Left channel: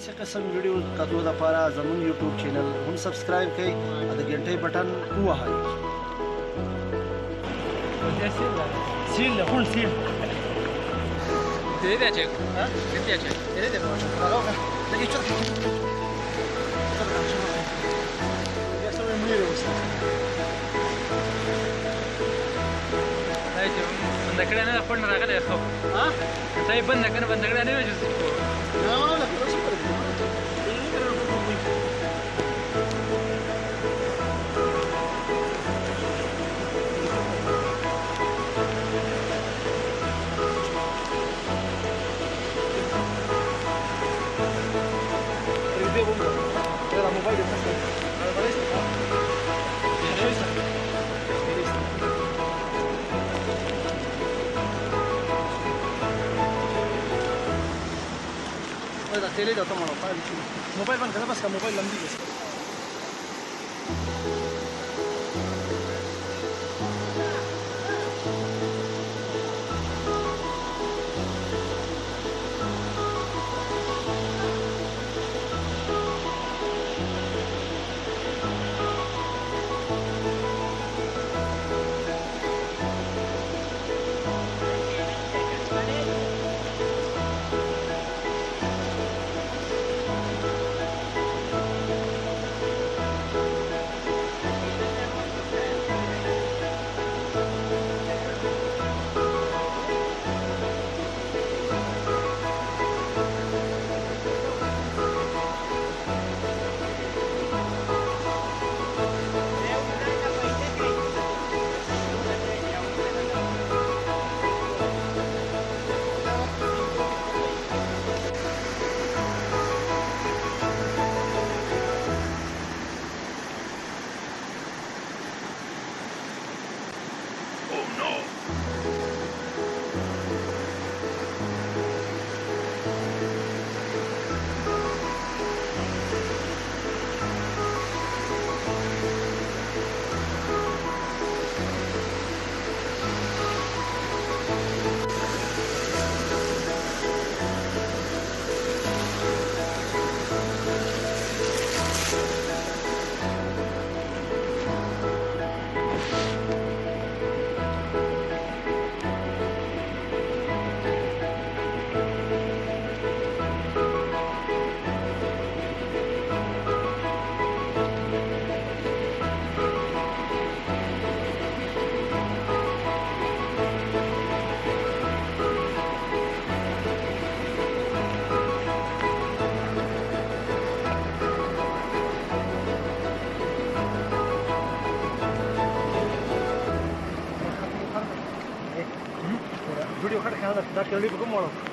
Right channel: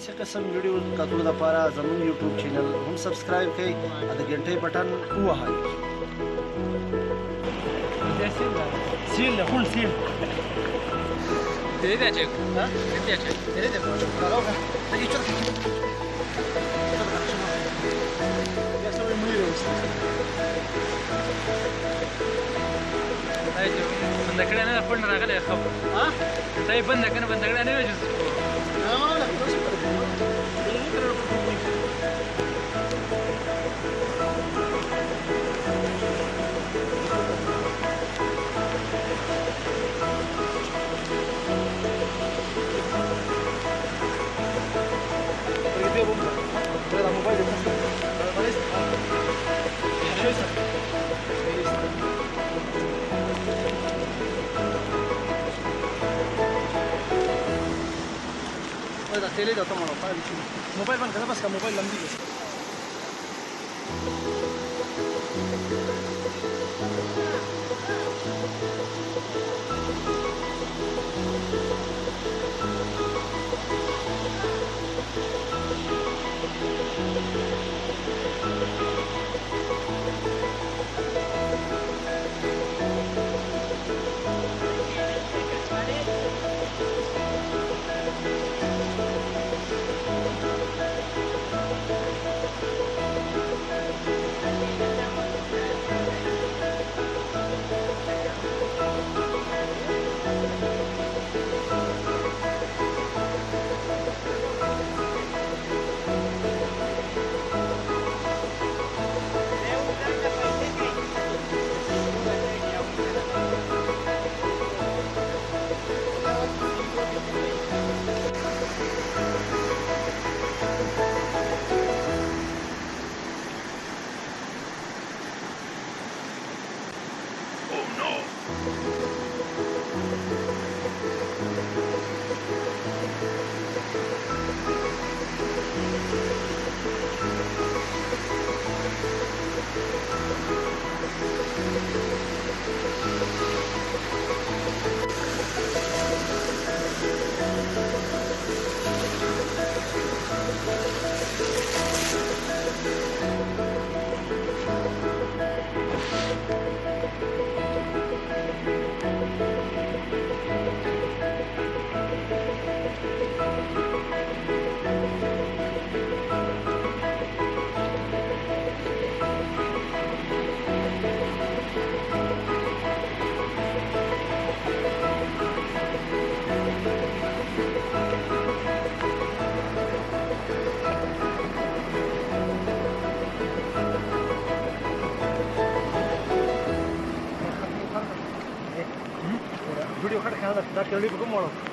داسې قسم ویډیو کتو لپاره زموږ یوټیوب چینل هم سبسکرایب کړئ او د غنټۍ بټن ووهئ. سیل ده خون سیل Te piace? Ti piace? vedete la roba da che c'è adesso devo morire questo dai jo banda kade ne khond ragale khabar ha dai banda kade ne jo no la cosa super buona non è che non proprio dia bomba. Ada mobile di atas. Ada balis. Ya, bisa. Bisa. Ada tele dah tomar apa di sini. Mobile ban kenapa sekarang mobile lambi guys. Video खट खाना दा केली को मोड़ो